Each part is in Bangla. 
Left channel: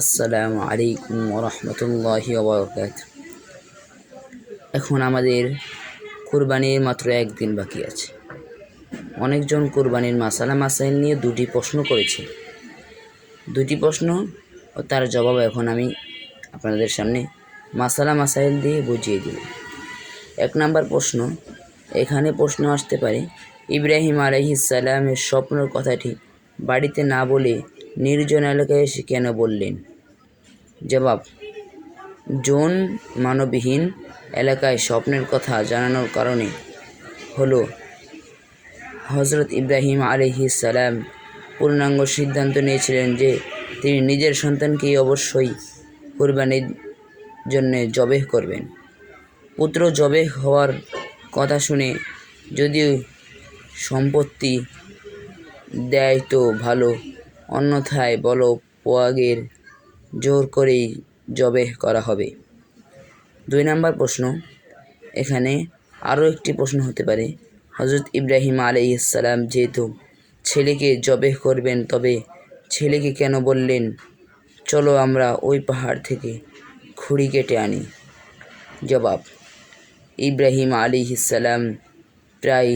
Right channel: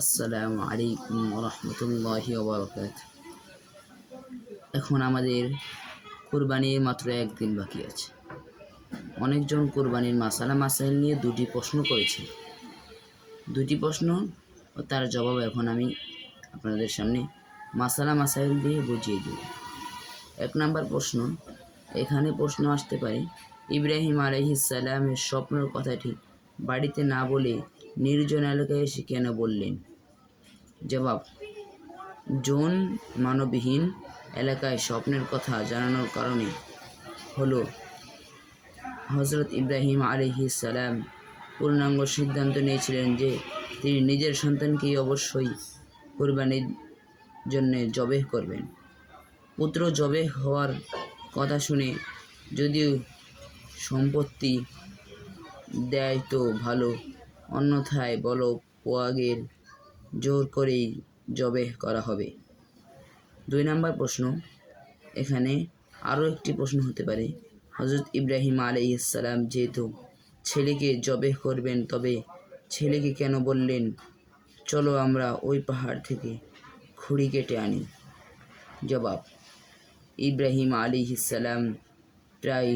আসসালামু আলাইকুম ওরহমতুল্লাহি ওবরাকাতুহু। এখন আমাদের কুরবানির মাত্র একদিন বাকি আছে। অনেকজন কুরবানির মাসালা মাসাইল নিয়ে দুটি প্রশ্ন করেছে। দুটি প্রশ্ন ও তার জবাব এখন আমি আপনাদের সামনে মাসালা মাসাইল দিয়ে বুঝিয়ে দিব। 1 নম্বর প্রশ্ন, এখানে প্রশ্ন আসতে পারে, ইব্রাহিম আলাইহিস সালামের স্বপ্নের কথাটি বাড়িতে না বলে নির্জন এলাকায় এসে কেন বললেন? জবাব, জন মানবহীন এলাকায় স্বপ্নের কথা জানানোর কারণে হলো হজরত ইব্রাহিম আলাইহিস সালাম পূর্ণাঙ্গ সিদ্ধান্ত নিয়েছিলেন যে তিনি নিজের সন্তানকেই অবশ্যই কুরবানির জন্য জবেহ করবেন। পুত্র জবেহ হওয়ার কথা শুনে যদিও সম্পত্তি দেয় তো ভালো, অন্যথায় বলো পোয়াগের জোর করেই জবেহ করা হবে। 2 নম্বর প্রশ্ন, এখানে আরও একটি প্রশ্ন হতে পারে, হজরত ইব্রাহিম আলাইহিস সালাম যেহেতু ছেলেকে জবেহ করবেন, তবে ছেলেকে কেন বললেন চলো আমরা ওই পাহাড় থেকে খুঁড়ি কেটে আনি? জবাব, ইব্রাহিম আলাইহিস সালাম প্রায়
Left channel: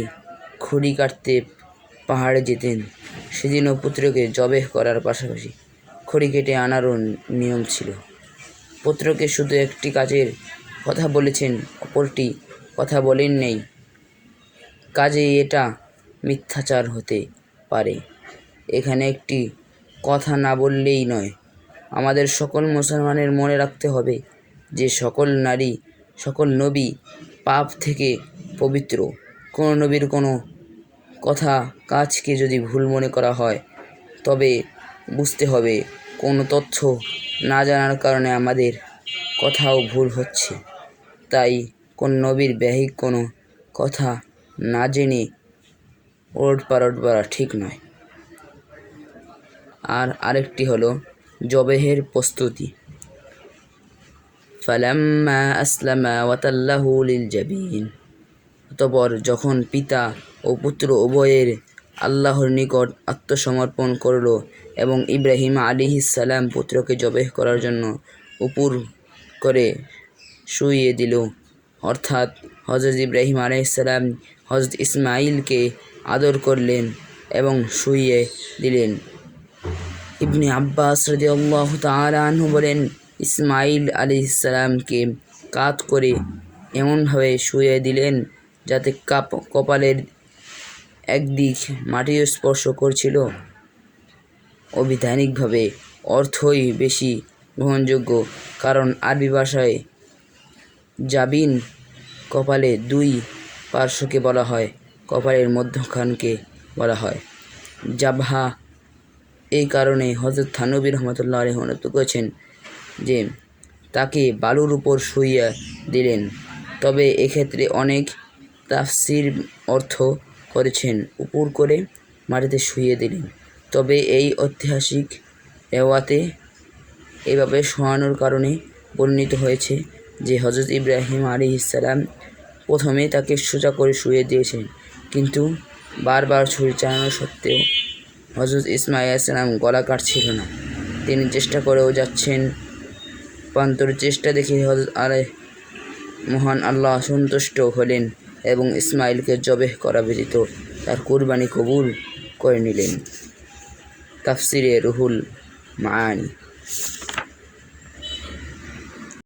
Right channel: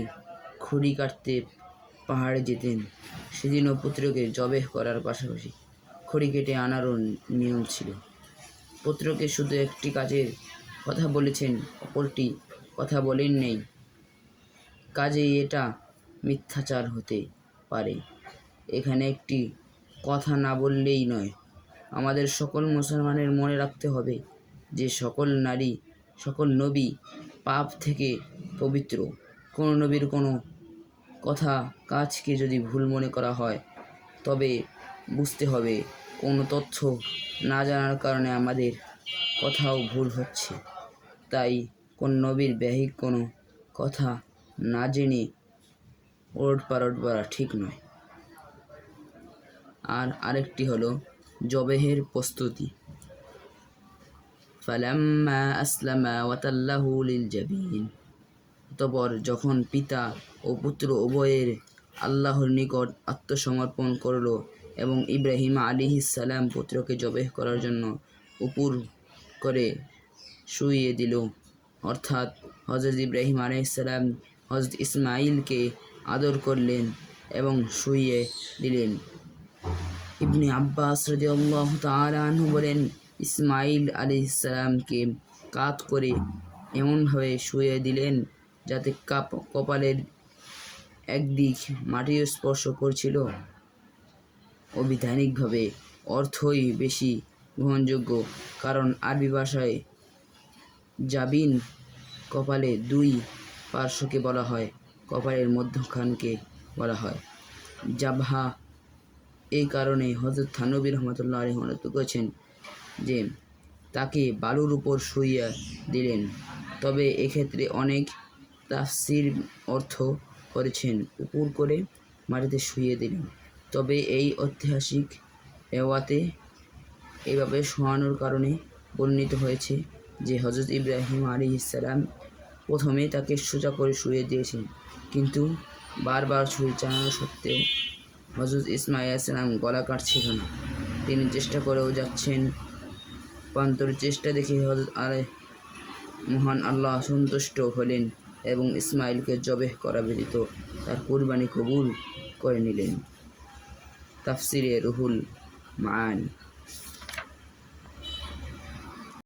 খুঁড়ি কাটতে পাহাড়ে যেতেন। সেদিনও পুত্রকে জবেহ করার পাশাপাশি খড়ি কেটে আনারও নিয়ম ছিল। পুত্রকে শুধু একটি কাজের কথা বলেছেন, অপরটি কথা বলেন নেই, কাজেই এটা মিথ্যাচার হতে পারে। এখানে একটি কথা না বললেই নয়। আমাদের সকল মুসলমানের মনে রাখতে হবে যে সকল নারী, সকল নবী পাপ থেকে পবিত্র। কোনো নবীর কোনো কথা কাজকে যদি ভুল মনে করা হয়, তবে বুঝতে হবে কোনো তথ্য না জানার কারণে আমাদের কথাও ভুল হচ্ছে। তাই কোন নবীর বাহিক কোনো কথা না জেনে ওলটপালট বলা ঠিক নয়। আর আরেকটি হলো জবেহের প্রস্তুতি। ফালাম্মা আসলামা ওয়াতাল্লাহু লিল জাবিন, অতঃপর যখন পিতা ও পুত্র উভয়ের আল্লাহর নিকট আত্মসমর্পণ করল এবং ইব্রাহিম আলাইহিস সালাম পুত্রকে জবেহ করার জন্য উপর করে শুইয়ে দিল, অর্থাৎ হজরত ইব্রাহিম আলাইহিস সালাম হজরত ইসমাইলকে আদর করলেন এবং শুইয়ে দিলেন। ইবনে আব্বাস রাদিয়াল্লাহু তাআলা আনহু বলেন, ইসমাইল আলাইহিস সালামকে কাত করে এমনভাবে শুইয়ে দিলেন যাতে কপালের একদিক মাটি স্পর্শ করছিল। অবিধানিকভাবে অর্থই বেশি গ্রহণযোগ্য, কারণ আরবি ভাষায় জাবিন কপালে 2 পার্শ্বকে বলা হয়, কপালের মধ্যখানকে বলা হয় জাবহা। এই কারণে হযরত থানবী রাহমাতুল্লাহ আলাইহি উল্লেখ করেছেন যে তাকে বালুর উপর শুইয়ে দিলেন। তবে এক্ষেত্রে অনেক তাফসীর অর্থ করেছেন উপর করে মাটিতে শুইয়ে দিলেন। তবে এই ঐতিহাসিক রেওয়াতে এভাবে শোয়ানোর কারণে বর্ণিত হয়েছে যে হজরত ইব্রাহিম আলাইহিস সালাম প্রথমে তাকে সোজা করে শুইয়ে দিয়েছেন, কিন্তু বারবার ছুরি চালানো সত্ত্বেও হজরত ইসমাইল আলাইহিস সালাম গলা কাটছিল না। তিনি চেষ্টা করেও যাচ্ছেন, প্রান্তর চেষ্টা দেখে হজরত মহান আল্লাহ সন্তুষ্ট হলেন এবং ইসমাইলকে জবেহ করা ব্যতীত তার কুরবানি কবুল করে নিলেন। তাফসিরে রুহুল মাআনি।